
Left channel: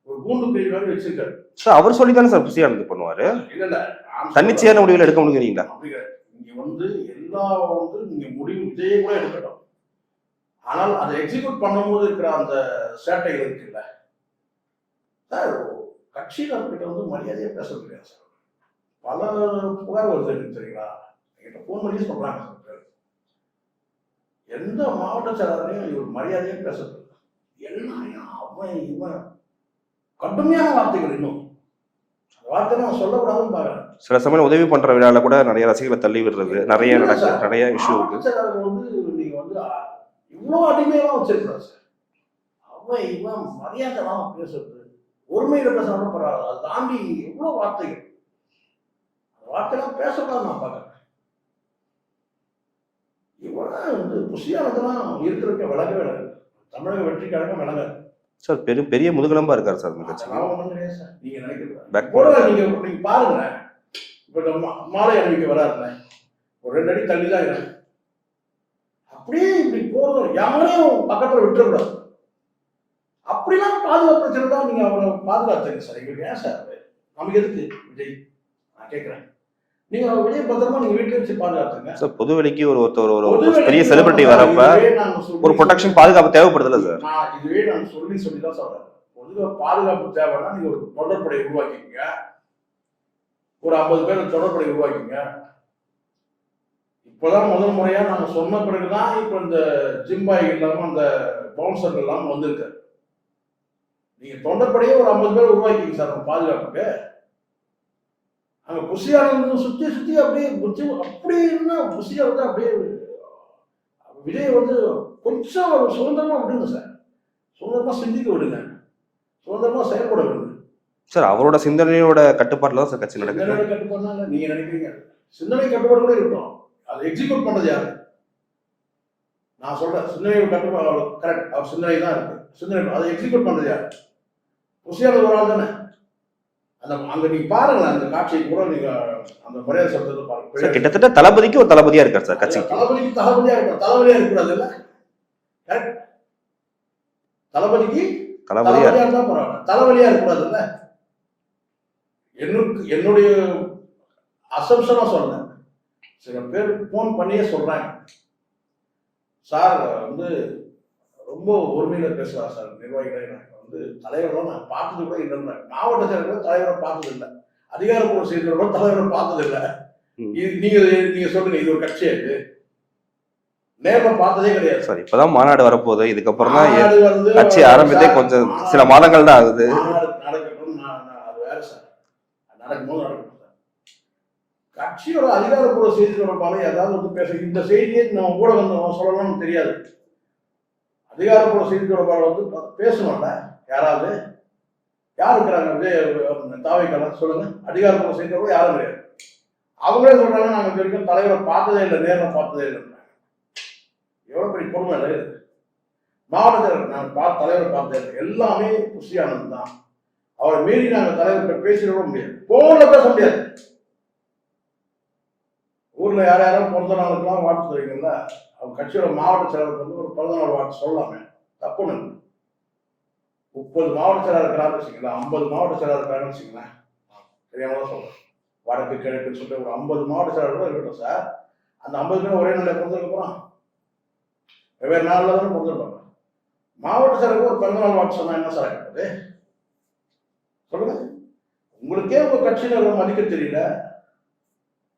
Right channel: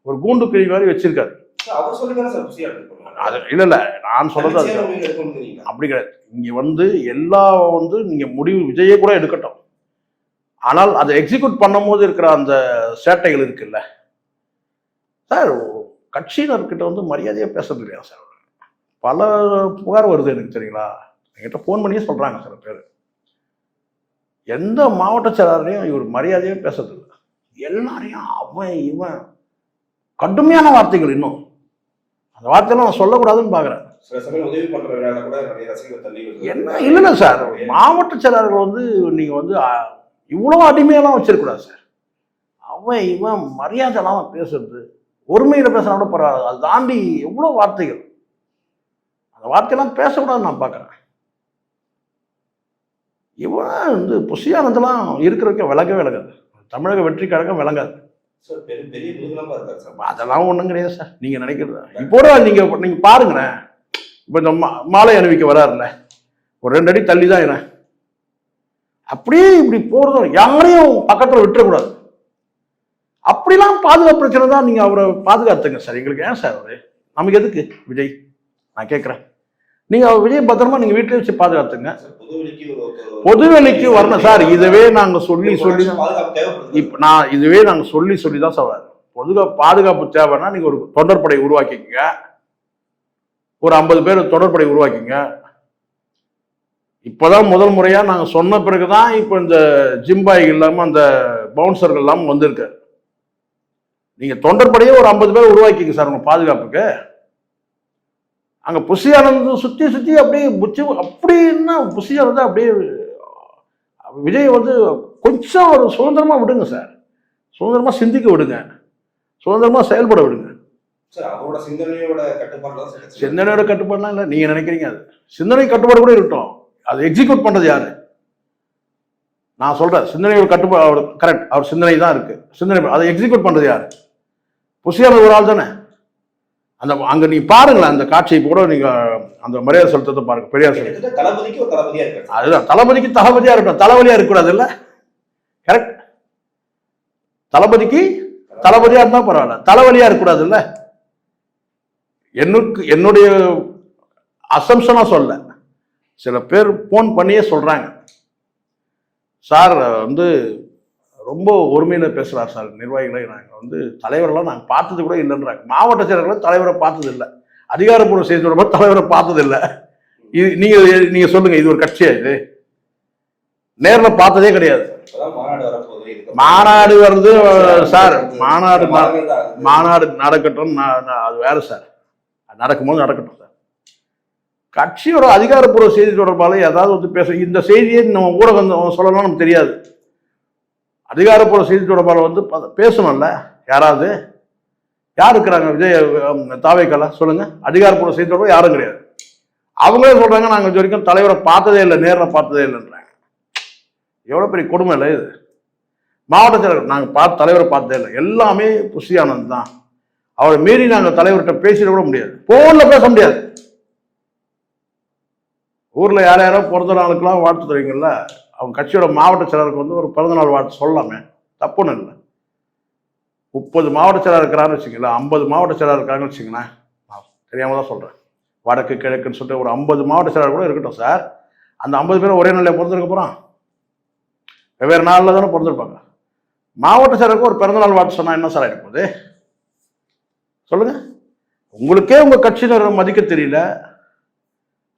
ஒரு கூண்டு கிழி மாதிரி வச்சிருக்காரு சார். அவர் சொல்லி தானே சார் புஷியா இருந்து பண்ணுவாரு. இல்ல நான் தன்னிச்சையான முடிவுகள் எடுக்க முடியுங்களா? அப்படி கிடையாது. இங்க வந்து எல்லா வந்து நீங்க முடிவு விஜயே கூட எடுக்கட்டும், ஆனால் அதை எக்ஸிக்யூட் பண்ணும் போது இருக்கிற அந்த சேட்டைகள் இருக்குல்ல சார், கட்சியினர்கிட்ட வந்து மரியாதையா பேசுறது இல்லையா சார்? பல புகார் வருது எனக்கு, தெரியுங்களா? என்கிட்ட போன் பண்ணியே சொல்றாங்க சில பேர். எந்த மாவட்ட செயலாளரையும் இவர் மரியாதையே பேசுறது இல்லை, எல்லாரையும் அவன் இவன் கடுமையான வார்த்தைகள். இன்னும் அந்த வார்த்தையெல்லாம் நான் சொல்லக்கூடாதுன்னு பாக்குறேன். சில சமயம் உதவி பண்ற விழால கூட நிறைய ரசிகர்களை தள்ளி விடுறது நிறைய சார். மாவட்ட செயலாளர்கள் வந்து நீங்க வந்து இவ்வளவு அடிமையெல்லாம் வச்சிருக்கூடாது சார். அவன் இவன் மரியாதை எல்லாம் பேசுறது, ஒருமையில பேசுறா கூட பரவாயில்ல, அது தாண்டி எவ்வளவு வார்த்தைகள். அந்த வார்த்தையெல்லாம் பேசக்கூடாதுன்னு நான் பாக்குறேன். இவன் வந்து புஷியானதெல்லாம் இருக்கிறதுக்கு விளங்காது. தமிழக வெற்றி கழகம் விளங்காது சார். பெரிய முதுகெலும்பா இருக்காரு சார். அதெல்லாம் ஒண்ணும் கிடையாது சார். நீங்க நினைக்கிறது நீங்க பாருங்களேன். இப்ப இந்த மாலை அணிவிக்க வராருல்ல, ஒரு 2 அடி தள்ளி தான் என்ன, அப்படியே இப்படி போறதும் யாரையும் பக்கத்துல விட்டுறக்கூடாது. அப்படிலாம் பாதுகாப்பு பிரச்சனை தான். நீங்க அவரை பாதுகாத்துங்க சார். எங்களுக்கு ஏன் சார் அவரு? நமக்கு எதுக்கு விஜய்? நான் கேட்கிறேன். நீங்க அவர் விஜய் பத்திரமா நீங்க வீட்டிலே வச்சு பாதுகாத்துங்க சார். பொதுவெளிக்கு பொதுவெளிக்கு சார். இதுவே நாங்க சொல்லி பாதுகாப்பு தேவைப்படுது. நான் இதுவே நாங்க சொல்லி தான் சார் பாதுகாப்பு தேவைன்னா நீங்க ஒரு தொண்டற்படை உருவாக்கிக்கங்க, ஒரு 50 பேர் தொடர்படை உருவாக்கிங்க. இப்போதான் முதல் முறையா நாங்க சொன்ன பிறகுதான் இப்போ இந்த ஜிம்பாய் இல்லாம அந்த பவுன்சர்கள் எல்லாம் வந்திருக்கு. நீங்க தொண்டற்படையே ஒரு 50 பேர் உருவாக்கிங்க சார் உங்க பாதுகாப்புக்கு. அங்க புஷி ஆனந்த் சுத்தி சுத்தி அப்படியே அப்படின்னா புஷி ஆனந்த் அப்படியே விஜய் வந்து கொஞ்சம் ஒரு சுதந்திரமா விடுங்க சார், சுதந்திரமா சிந்திக்க விடுங்க, சுதந்திரமா செயல்பட விடுங்க சார். அவரோட சிந்தனையோட கட்டுப்பாடுல தான் சார் கட்சி. சிந்தனையோட கட்டுப்பாடுலாம் இல்லை, நீங்க நினைக்கிறீங்க. அது சிந்தனை கட்டுப்பாடு கூட இருக்கட்டும், அது எக்ஸிக்யூட் பண்றது யாரு? நான் சொல்றேன் சிந்தனையோட கட்டுப்பாடு அவர் கரெக்ட், அவர் சிந்தனை தான் இருக்கு, சிந்தனை அதை எக்ஸிக்யூட் பண்றது யாரு? புஷியான ஒரு ஆள் தானே. அந்த அங்க நீங்க பாருங்களேன் அந்த காட்சியை கூட, நீங்க அந்த மரியாதை செலுத்தத்தை பாருங்க. பெரிய கிட்டத்தட்ட தளபதிக்கு ஒரு தளபதியா இருக்காரு சார். அதுதான் தளபதிக்கு தளபதியா இருக்கட்டும், தலைவலியா இருக்கக்கூடாது இல்ல? கரெக்ட். தளபதிக்கு தளபதியா இருந்தா பரவாயில்ல, தலைவலியா இருக்கக்கூடாது இல்ல? என்னுடைய அசம்ஷனா சொல்ல, சில பேர் போன் பண்ணியே சொல்றாங்க, சார் வந்து ரொம்ப ஒருமையில பேசுறாரு சார், நிர்வாகிகளை நாங்கள் வந்து தலைவரெல்லாம் நாங்கள் பார்த்தது கூட இல்லைன்றாங்க. மாவட்ட செயலர்களை தலைவரை பார்த்தது இல்லை, அதிகாரப்பூர்வ செய்தி தொடர்பாக தலைவரை பார்த்தது இல்லை. இது நீங்க சொல்லுங்க, இது ஒரு கட்சியா? இது நேரில் பார்த்ததே கிடையாது சார். இப்பதான் மாநாடு வரப்போகுது, இதுக்கு மாநாடு வருது, மாதங்கள் தான் ஆகுது. மாநாடு நடக்கட்டும், அது வேற சார், நடக்கும்போது நடக்கட்டும் சார். கட்சியோட அதிகாரப்பூர்வ செய்தி தொடர்பாளர் ஏதாவது வந்து பேச, இந்த செய்தியை நம்ம ஊடகம் சொல்லலாம் நமக்கு தெரியாது. அதிகாரப்பூர்வ செய்தி தொடர்பாளர் வந்து பேசணும்ல, யாராவது யார் இருக்கிறாங்க? விஜய் தாவேக்கால சொல்லுங்க, அதிகாரப்பூர்வ செய்தி தொடர்பாளர் யாரும் கிடையாது. அவங்களே சொல்றாங்க நாங்கள் இது வரைக்கும் தலைவரை பார்த்ததே இல்லை, நேரில் பார்த்ததே இல்லைன்றாங்க. எவ்வளோ பெரிய கொடுமை இல்லை இது? மாவட்ட செயலர் நாங்கள் தலைவரை பார்த்ததே இல்லை, எல்லாமே புஷி ஆனந்த் தான். அவரை மீறி நாங்கள் தலைவர்கிட்ட பேசிட கூட முடியாது, போன்ல பேச முடியாது. ஊர்ல யாரும் பிறந்த நாளுக்கெல்லாம் வாழ்த்து தருவீங்கல்ல, அவங்க கட்சியோட மாவட்ட செயலருக்கு வந்து ஒரு பிறந்தநாள் வாழ்த்து சொல்லலாமே, தப்புன்னு இல்லை. 30 மாவட்ட செயலர் இருக்கிறான்னு வச்சுங்களேன், 50 மாவட்ட செயலர் இருக்காங்கன்னு வச்சுங்களேன், தெரியாம தான் சொல்றேன், வடக்கு கிழக்குன்னு சொல்லிட்டு ஒரு 50 மாவட்ட செயலர் கூட இருக்கட்டும் சார். அந்த 50 பேரும் ஒரே நாளில் பிறந்திருக்க போறான், வெவ்வேறு நாளில் தானே பிறந்திருப்பாங்க. மாவட்ட செயலருக்கு ஒரு பிறந்தநாள் வாழ்த்து சொன்னா என்ன சார் ஆகிருப்போது? சொல்லுங்க. உங்களுக்கே உங்க கட்சியினர் மதிக்க தெரியல,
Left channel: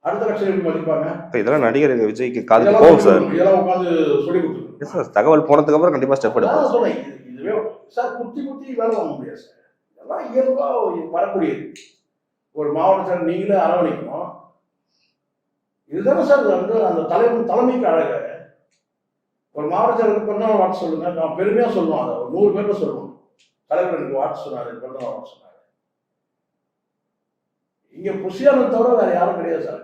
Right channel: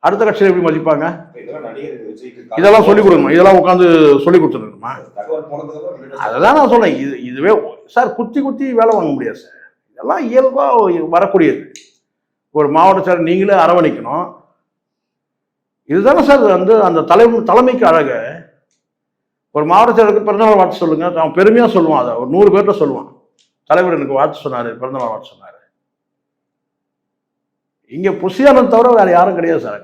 அடுத்த கட்சியில எப்படி மதிப்பாங்க? இதெல்லாம் நடிகர் விஜய்க்கு இதெல்லாம் சொல்லி கொடுக்கணும், இதெல்லாம் உட்காந்து சொல்லி கொடுத்துருக்கோம். தகவல் போனதுக்கு அப்புறம் கண்டிப்பா அதான் நான் சொன்னேன், இதுவே சார் குத்தி குத்தி வேலை வாங்க முடியாது சார், இதெல்லாம் இயல்பா வரக்கூடியது. ஒரு மாவட்ட செயலர் நீங்களே அரவணைக்கணும். இதுதானே சார் வந்து அந்த தலைமைக்கு அழகு. ஒரு மாவட்ட செயலருக்கு பிறந்தநாள் வாழ்த்து சொல்லுங்க, அவன் பெருமையா சொல்லுவான், அதை ஒரு 100 பேர்கிட்ட சொல்லுவான், தலைவர் எனக்கு வாழ்த்து சொன்னாரு, பிறந்தநாள் வாழ்த்து சொன்னாரு. இங்க புஷியானந்த் தவிர வேற யாரும் கிடையாது சார்.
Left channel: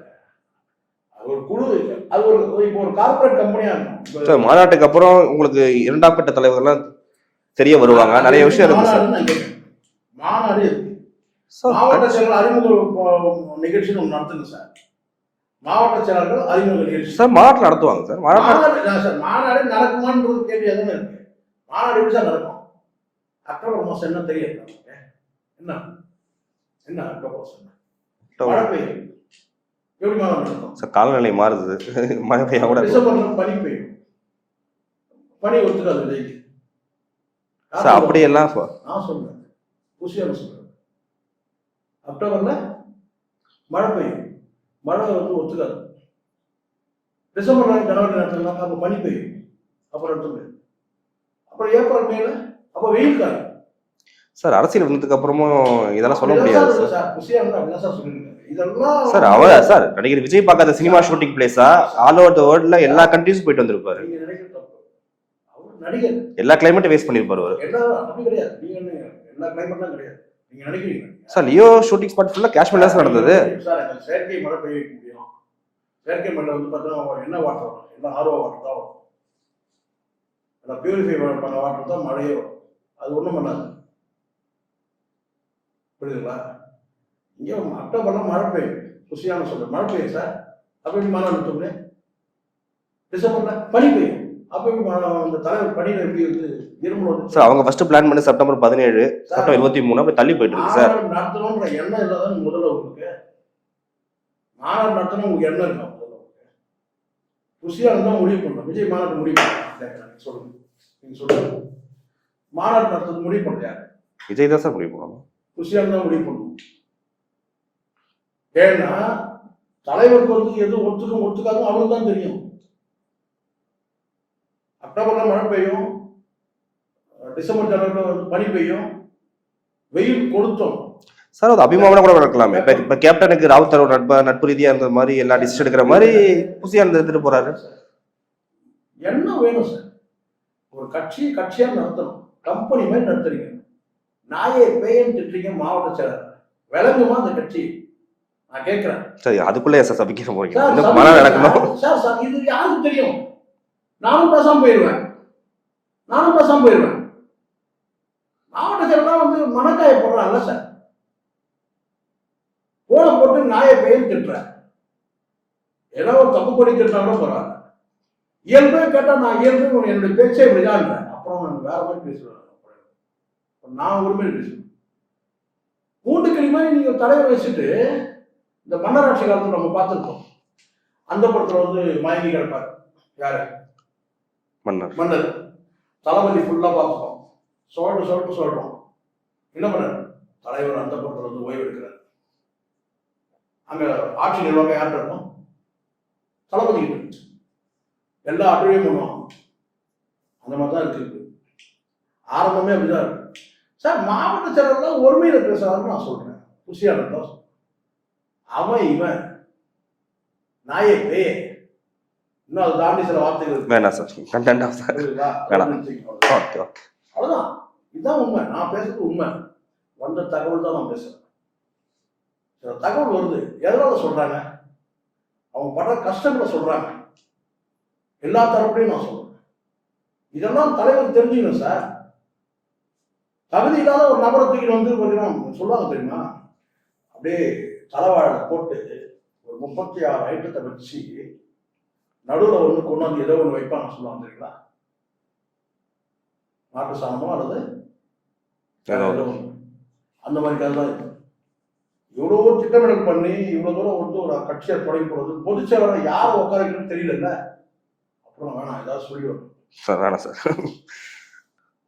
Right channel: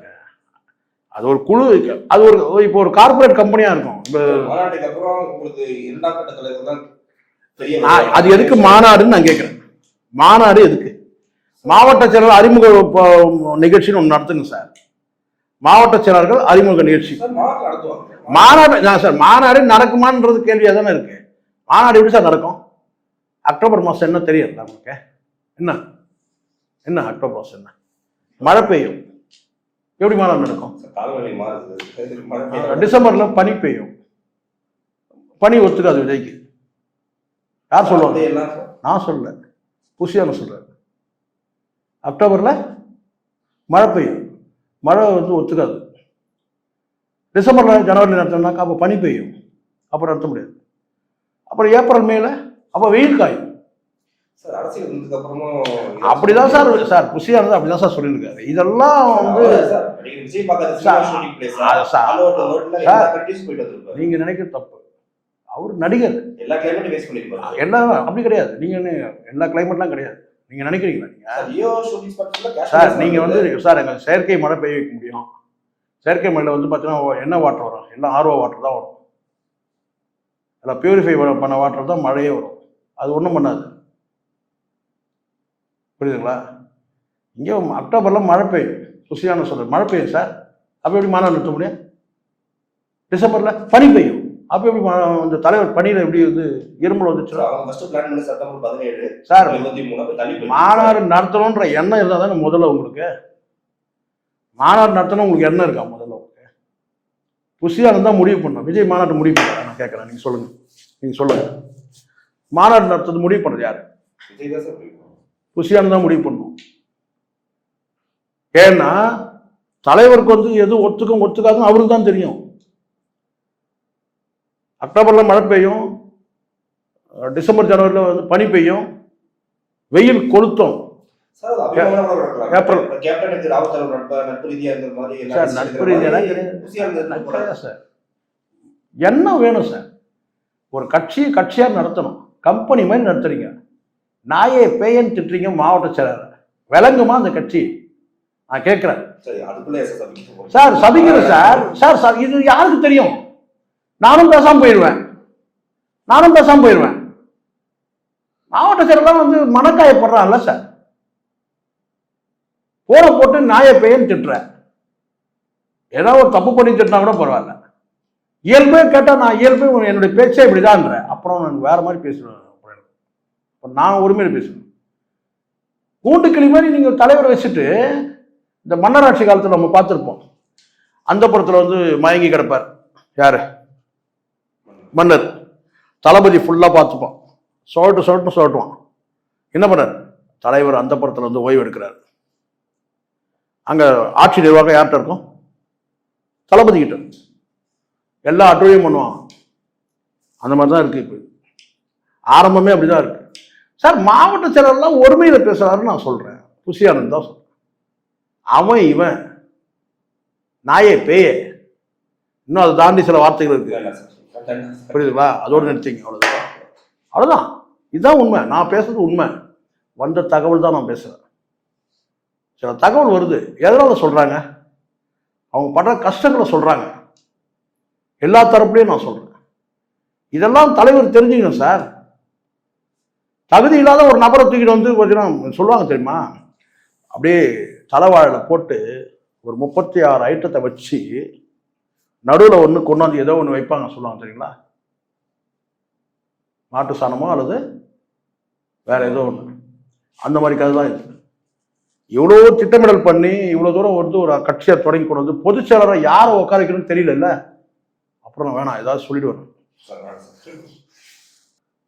அது ஒரு குழு, அது ஒரு இப்போ ஒரு கார்பரேட் கம்பெனியா இருக்கும். மாநாட்டுக்கு அப்புறம் உங்களுக்கு 2ஆம் கட்ட தலைவர்கள்லாம் தெரிய வருவாங்க. அது எதுக்கு மாநாடுன்னு நான் கேட்கிறேன். மாநாடு எதுக்கு? மாவட்ட செயலர் அறிமுக நிகழ்ச்சின்னு ஒன்று நடத்துங்க சார். மாவட்ட செயலர்கள் அறிமுக நிகழ்ச்சி சார் மாநாடு நடத்துவாங்க சார். மாநாடு சார், மாநாடு நடக்குமான்றது கேள்வியா தானே இருக்கு. மாநாடு எப்படி சார் நடக்கும்? அக்டோபர் மாசம் என்ன தெரியும் நமக்கு? என்ன அக்டோபர் மாசம் என்ன மழை பெய்யும், எப்படி மாநாடு நடக்கும் சார்? காலநிலை மாறுது, மழை பெய்யும். டிசம்பர்ல பனி பெய்யும், பனி ஒத்துக்காது விஜய்க்கு. அப்படி எல்லாம் நான் சொல்ல, புஷியான சொல்றேன். அக்டோபர்ல மழை பெய்யும், மழை வந்து ஒத்துக்காது. டிசம்பர்ல ஜனவரி நடத்தினாக்கா அப்போ பனி பெய்யும், அப்போ நடத்த முடியாது. அப்புறம் ஏப்ரல் மேல அப்போ வெயில் காயும் சார். அரசியல் வந்ததுக்கு அப்புறமும் அப்படிதான் சார் சார் புஷியானது அப்படிதான் சார் சொல்லியிருக்காரு. இதெல்லாம் சார் நடிகர் விஜய் பார்க்காத சினிமா ஷூட்டிங் பிளேஸா? ஆல் ஓவர் தி வேர்ல்ட்ல எல்லா கண்ட்ரீஸும் போயிட்டு வந்திருப்பாரு. நீங்க நினைக்கிற தப்பு, அவர் நடிகர், எல்லா கிளைமேட்டும் வேஸ்ட் பண்ணிருப்பாரு. எல்லாம் அப்படி கிடையாது, நீங்க எல்லா கிளைமேட்லாம் கிடையாது, நீங்க நினைக்கிறீங்களா? சார் லியோ ஷூட்டிங் ஸ்பாட் ஃபுல்லா காஷ்மீர்ல நடக்குது சார். எங்க செயற்கை மழை பெய்ய வைக்க முடியும். செயற்கை மழையில வந்து பார்த்தீங்கன்னா என்ன வாட்டர் வரும்? எல்லாம் ஆர்ஓ வாட்டர் தான் வரும், எல்லாம் பியூரிஃபை பண்ண வாட்டர் தான் மழையே வரும். அது ஒன்றும் பண்ணாது, புரியுதுங்களா? இங்கே அக்டோபர்ல மழை பெய்யும், புஷியான சொல்ற மழை பெய்யும் சார். அப்போ எப்படி மாநாடு நிறுத்த முடியும்? டிசம்பர்ல பனி பெய்யும், அப்போ எப்படி அந்த தலைவர் பனியில எப்படி வந்து இருமல் வந்துச்சு? அவங்க ஃபர்ஸ்ட் பிளான் பண்ணி செப்டம்பர் 17 சார் 23 அப்போ தள்ளி போயிட்டு மாநாடு நடத்தணும்ன்ற எண்ணம் இருந்தால் தானே முதல்ல உங்களுக்கு மாநாடு நடத்தணும். உங்களுக்கு எண்ணம் இருக்கா முதல்ல? உங்களுக்கு புஷியான தான் முடிவு பண்ணணும். விஜய் மாநாட்டு முடிவு பண்ண நான் கேட்குறேன், நீங்க சொல்லுங்க, நீங்க சொல்லுங்க. மாநாடு நடத்துறது முடிவு பண்ணுறது யாரு? விஜய் தான் சார் முடிவு பண்ணணும். புசியானந்த் தான் முடிவு பண்ணணும். ஏன்னா தலைவருக்கு வந்து எது ஒத்துக்கும் ஒத்துக்காதுன்னு அவருக்கு தான் தெரியும். அக்டோபர்ல மழை பெய்யும், டிசம்பர் ஜனவரியில் வந்து பனி பெய்யும், வெயில் கொளுத்தும் சார். அது அபிமானம் கூட நடக்கலாம். இப்ப கேப்டனுக்கு ராவுத்தரோட நட்பு ரீதியா இருந்த மாதிரி எல்லா டிசிஷன் எடுக்கிற மாதிரி புசியானந்த் எடுத்துட்டு போறாரு சார். என்ன வேணும் சார்? ஒரு கட்சியா நடத்தணும். கம்பெனி மாதிரி நடத்துறீங்க. நாயே பேயன்னு திட்டுறீங்க மாவட்ட செயலர். விளங்குமா அந்த கட்சி? நான் கேட்கிறேன். சரி, அதுக்குள்ளே சார் சபிக்க போறீங்க சார். சார் இது யாருக்கு தெரியும்? நானும் பேசாம போயிடுவேன். மாவட்ட செயலர் வந்து மனக்காயப்படுறான்ல சார். போன போட்டு நாயை பேயன்னு திட்டுற. ஏதாவது ஒரு தப்பு பண்ணி திட்டினா கூட பரவாயில்ல. இயல்பே கேட்டா நான் இயல்பே என்னுடைய பேச்சே இப்படிதான்ற. அப்புறம் நான் வேற மாதிரி பேசுவேன். நான் உரிமையில பேசுவேன். கூண்டுக்கிளி மாதிரி நீங்க தலைவரை வச்சுட்டு இந்த மன்னராட்சி காலத்துல நம்ம பார்த்துருக்கோம். அந்த புறத்துல வந்து மயங்கி கிடப்பார். யாரு? மன்னர். தளபதி ஃபுல்லா பார்த்துப்போம். சொல்லட்டுவான். என்ன பண்ணார்? தலைவர் அந்த புறத்துல வந்து ஓய்வு எடுக்கிறார். அங்க ஆட்சி நிர்வாகம் யார்கிட்ட இருக்கும்? தளபதி கிட்ட. எல்லா அட்டூழியம் பண்ணுவான். அந்த மாதிரி தான் இருக்கு. இப்போ ஆரம்பமே அப்படிதான் இருக்கு சார். மாவட்ட செயலர்லாம் ஒருமையில பேசுறாருன்னு நான் சொல்றேன். புசியானந்த் தான் சொல்றேன். அவன் இவன் நாயே பேயே. இன்னும் அதை தாண்டி சில வார்த்தைகள் இருக்கு. வேணாம் சார். புரியுதுங்களா? அதோட நினைச்சிங்க. அவ்வளவுதான். இதுதான் உண்மை. நான் பேசுறது உண்மை. வந்த தகவல் தான் நான் பேசுறேன். சில தகவல் வருது. எதனால சொல்றாங்க? அவங்க படுற கஷ்டங்களை சொல்றாங்க. எல்லா தரப்புலையும் நான் சொல்றேன். இதெல்லாம் தலைவர் தெரிஞ்சுக்கணும் சார். தகுதி இல்லாத ஒரு நபரை தூக்கிட்டு வந்து பார்த்தீங்கன்னா சொல்லுவாங்க தெரியுமா? அப்படியே தலைவாழ போட்டு ஒரு 36 ஐட்டத்தை வச்சு நடுவில் ஒன்று கொண்டாந்து ஏதோ ஒன்று வைப்பாங்க சொல்லுவாங்க தெரியுங்களா? மாட்டு சாணமோ அல்லது வேற ஏதோ ஒன்று. அந்த மாதிரி கதை தான் இது. இவ்வளோ திட்டமிடல் பண்ணி இவ்வளோ தூரம் வந்து ஒரு கட்சியை தொடங்கி கொண்டு வந்து பொதுச் செயலரை யாரை உட்கார வைக்கணும்னு தெரியல. அப்புறம் வேணாம், ஏதாவது சொல்லிடுவேன் சார். வேணாம் சார்.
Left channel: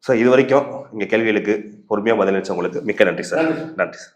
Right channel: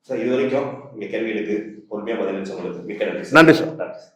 சார், இது வரைக்கும் இங்கே கேள்விகளுக்கு பொறுமையாக பதிலளிச்சவங்களுக்கு மிக்க நன்றி சார். நன்றி சார். நன்றி சார்.